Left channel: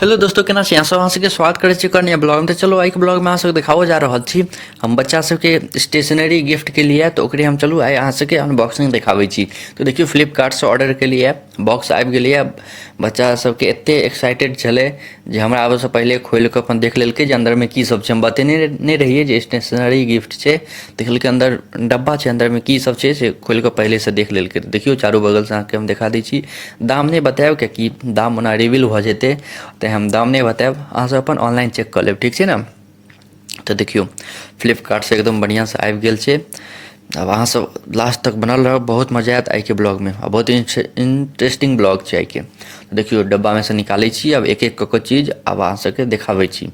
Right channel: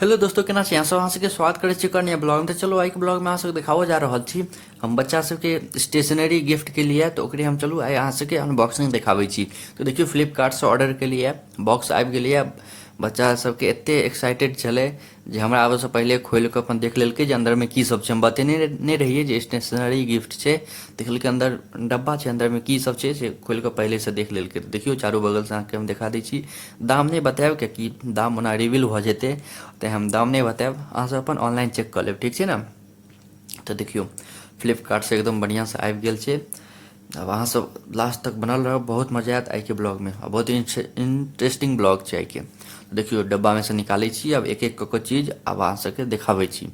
Hello दोस्तों, केना छी? अहाँ सबके स्वागत करै छी कन्या ब्लॉग में। तो चलो आइ के ब्लॉग में अहाँ सबके देखाओ जा रहल छी हम बच्चा सबके स्टेशनरी गिफ्ट के लिए। तो ओकरे हम चलू आइ अहाँ सबके अनबॉक्सिंग देखाबै छी। तो देखियो फ्लिपकार्ट से ऑर्डर के लिए बॉक्स आबि गेलै। बच्चा सबके एते एक्साइटेड छलै जे हमरा आबऽ से पहले खोलि कऽ अपन देख लेलकै जे अंदर में की सब छै। हम बतेने नहि रहियै जे स्टेशनरी गिफ्ट छै। देखलकै अंदर डब्बा छै, अंदर में की सब छै से खोलि कऽ पहले से देख लेलकै। देखियो चारू बगल से अहाँके हम देखा दै छी। दाम नहि बतायब कियाकि दाम ओना रिवील भऽ जेतै, तो हम दाम नहीं बतायब। अहाँ सब अपन ऑनलाइन चेक कर लेब, ठीक है ना। तो देखियो फ्लिपकार्ट से एकदम बढ़िया से आबि गेल छै। अब अहाँ सब लास्ट तक बनल रहब, बहुत मजा आयत आइ के ब्लॉग में। अब बहुत इंटरेस्टिंग ब्लॉग छै आइ के। देखियो डब्बा में से निकालै छी अब एक एक कऽ चीज अब अहाँ सबके देखाबै छी।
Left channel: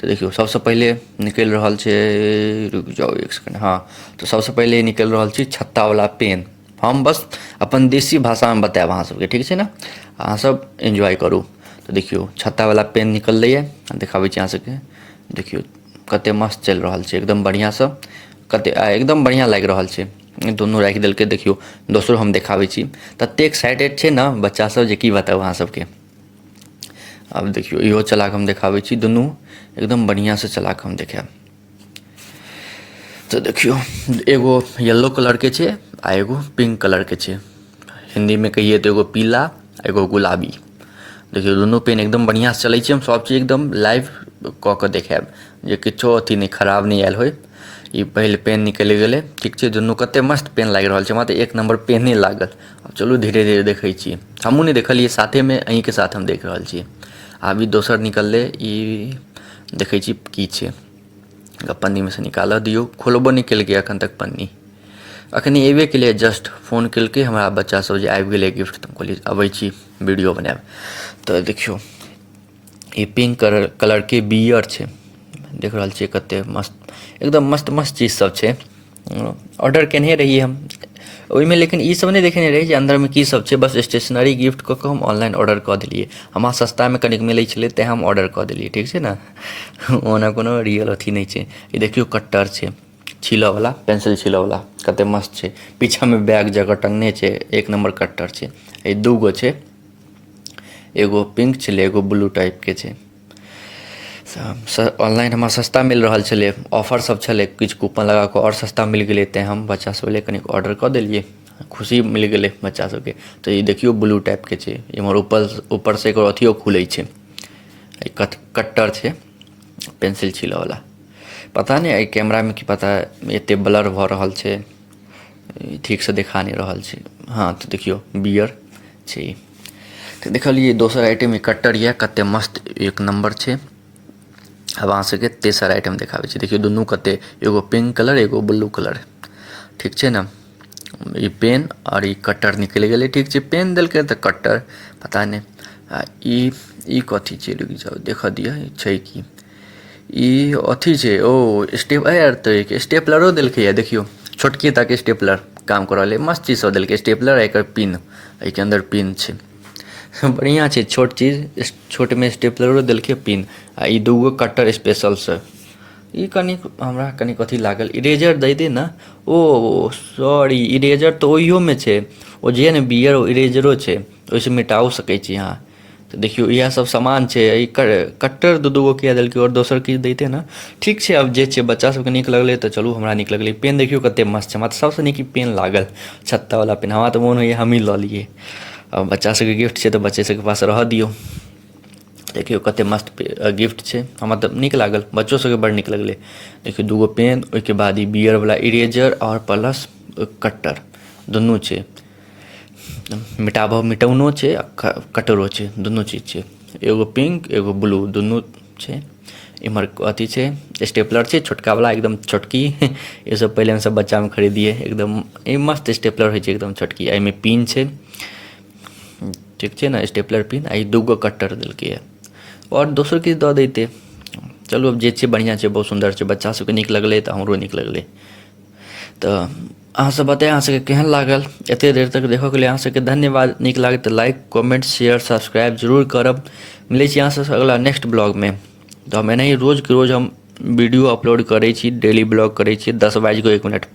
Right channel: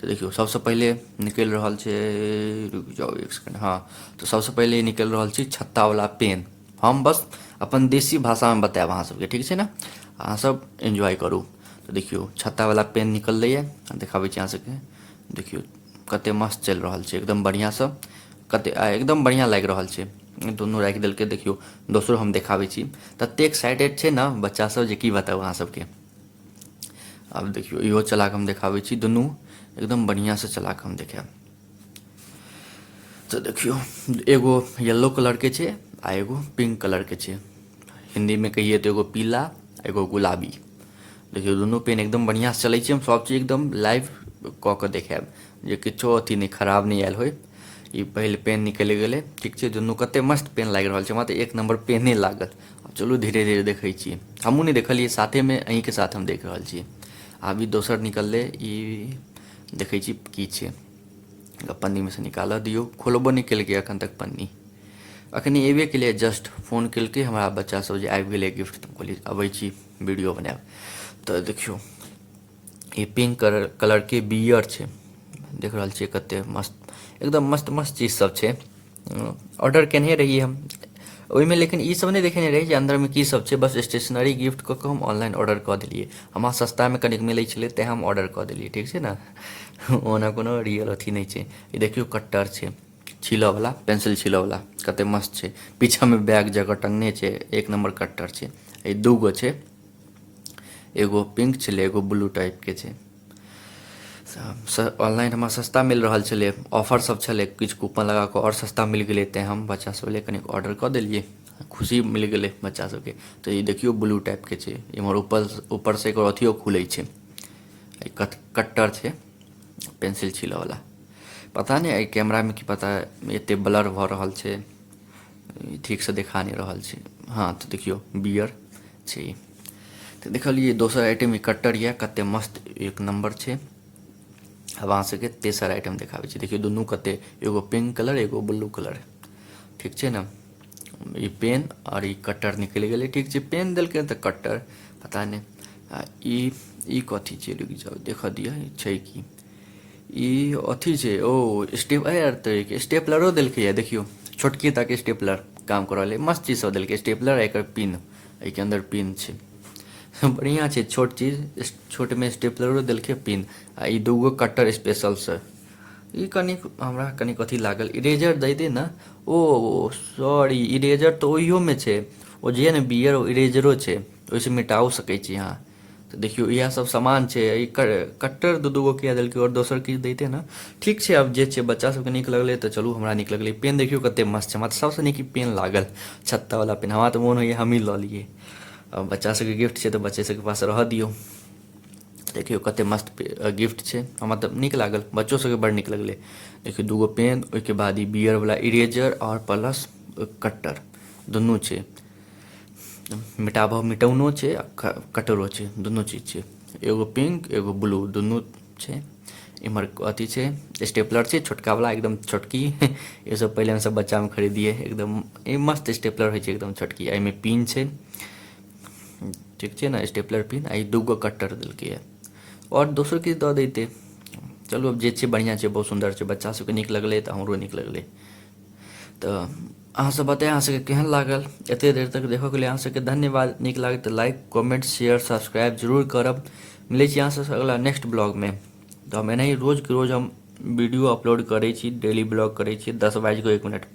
तो देखियो सबसे पहले निकलि रहल छै, रुक जाओ एक सेकंड, हाँ। तो सबसे पहले निकलि रहल छै छत्ता वाला पेन। हम बस अपन देसी भाषा में बतायब अहाँ सबके, ठीक छै ना। अहाँ सब एंजॉय करू। तो देखियो छत्ता वाला पेन निकललै, देखाबै छी अहाँ सबके। देखियो कते मस्त चलि रहल छै, एकदम बढ़िया से कते एकदम बढ़िया लागि रहल छै। दुनू राखि देलकै। देखियो दोसरो हम देखाबै छी। तते एक्साइटेड छै ना बच्चा सब जे की बताउ अहाँ सबके। अब देखियो इहो चला कऽ हम देखाबै छी, दुनू एकदम बढ़िया से चला कऽ हम देखायब। तो देखियो एगो येलो कलर के छै आ एगो पिंक कलर के छै। हिंदी में कहिए तो एगो पीला एगो गुलाबी। देखियो दुनू पेन एकदम बढ़िया से चलै छै। हम सब चीज एकदम लाइव कऽ के देखायब जे किछो अथी नहीं खराब नहीं आयल होय। ई पहले पेन निकलि गेलै, ठीक छै। दुनू कते मस्त पेन लागि रहल छै, हमरा तऽ एक नंबर पेने लागल। अब चलू धीरे धीरे देखै छियै। हमहूँ नहीं देखलियै, साथे में अहीं के साथ हम देख रहल छियै। आब ई दोसर निकललै, ई देखै छी की छै। पन्नी में से निकालऽ दियौ। खोलबो नहीं केलकै एखन तक पन्नी। अखनी एबे केलिए, जस्ट फोन केलकै हमरा बच्चा सब जे आबि गेलै गिफ्ट। तऽ हम कहलिए अबै छी वीडियो बनायब। तो देखियो ये पिंक कलर के बियर छै, देख रहल छियै कते मस्त, एकदम मस्त मस्त चीज सब छै। ऑर्डर केने रहिए हम ओहिमे, लेकिन ई सब नहीं देखेने रही जे अंदर में की सब छै। बस स्टेशनरी गिफ्ट कऽ के हम ऑनलाइन ऑर्डर कऽ देलिए। हमरा सस्ता में कनिक मिलै छलै तेँ हम ऑर्डर कऽ देलिए, ठीक छै ना। ओना कोनो रियल अथी नहीं छै। ये देखियो कट्टर छै छीलऽ वाला, पेंसिल छीलऽ वाला, कते मस्त छै। पीछा में बैग जगह टंगने छै, एक नंबर कट्टर छै। ये दूगो छै, एगो पिंक छलै एगो ब्लू टाइप के छै। ऑनलाइन हमरा सस्ता मिल रहल छलै, ऑफर सब छलै, किछु कूपन लगा कऽ और सस्ता मिल गेलै तेँ हम बच्चा सब लेल कनिक ऑर्डर कऽ देलिए। खुशी मिल गेलै बच्चा सबके। तो ये देखियो ब्लू टाइप के छै। इमहर ऊपर से एकर अथियो खुलै छै, कट्टर छै पेंसिल छीलऽ वाला। पता नहीं एहि कैमरा में की पता एते ब्लर भऽ रहल छै, ठीक से देखा नहीं रहल छै। हाँ तो देखियो बियर छै। तो देखलिए दोसर आइटम कट्टर ये, कते मस्त एक नंबर छै। अब अहाँ सबके तेसर आइटम देखाबै छी। देखियो दुनू कते, एगो पिंक कलर एगो ब्लू कलर, ठीक छै ना। ई पेन और ई कट्टर निकलि गेलै, ठीक छै। पेन देलकै तऽ कट्टर पता नहीं। आ ई कथी छै, रुकि जाओ देखऽ दिअ छै कि ई अथी छै। ओ स्टेपलरो देलकै ये, देखियो छोटकी तक स्टेपलर काम करऽ ले। मस्त चीज सब देलकै, स्टेपलर एकर पिन, एहिके अंदर पिन छै। बढ़िया छै, छोट चीज, छोट में स्टेपलरो देलकै पिन। आ ई दूगो कट्टर स्पेशल से। ई कनिक हमरा कनिक अथी लागल, इरेजर दै दे ना। ओ सॉरी, इरेजर तो ओहियो में छै। ओ जे ने बियर ओ इरेजरो छै, ओहिसे मिटाओ सकै छी अहाँ। तो देखियो इएह सब सामान छै। ई कट्टर दू दूगो किया देलकै, और दोसर किछु दैते ना, ठीक छै। अब जे छै बच्चा सबके नीक लगलै तऽ चलू हमरा नीक लगलै। पेन देखियो कते मस्त छै, हमरा तऽ सबसे नीक पेन लागल छत्ता वाला पेन। हमरा तऽ मोन होइए हमही लऽ लियै। अब बच्चा सबके गिफ्ट छै तऽ बच्चे सबके पास रहऽ दियौ। देखियो कते मस्त गिफ्ट छै, हमरा तऽ नीक लागल, बच्चो सबके बड़ नीक लगलै। देखियो दूगो पेन, ओहिके बाद ई बियर वाला इरेजर और प्लस कट्टर दुनू छै। मिटौनो छै आ कटरो छै, दुनू चीज छै। एगो पिंक एगो ब्लू दुनू छै। इम्हर अथी छै स्टेपलर छै छोटका वाला, एकदम छोटकी। ये सब पहले हम सब बच्चा में खरीदिए, एकदम मस्त स्टेपलर होइ छै एकदम छोटकी। एहिमे पिन छै, ठीक छै ना, स्टेपलर पिन। आ ई दूगो कट्टर देलकै ये, और दोसर किछु दऽ दैते। चलू अब जे छै बढ़िया छै, बहुत सुंदर छै, बच्चा सबके नीक लगलै तऽ हमरो नीक लगलै। तऽ अहाँ सब बताएं अहाँ सबके केहन लागल। एते देर तक देखऽ के लिए अहाँ सबके धन्यवाद। नीक लागै तऽ लाइक कमेंट शेयर सब्सक्राइब जरूर करब। मिलै छी अहाँ सबसँ अगला नेक्स्ट ब्लॉग में। तो हम एनाही रोज के रोज हम वीडियो अपलोड करै छी, डेली ब्लॉग करै छी 10:01 पर।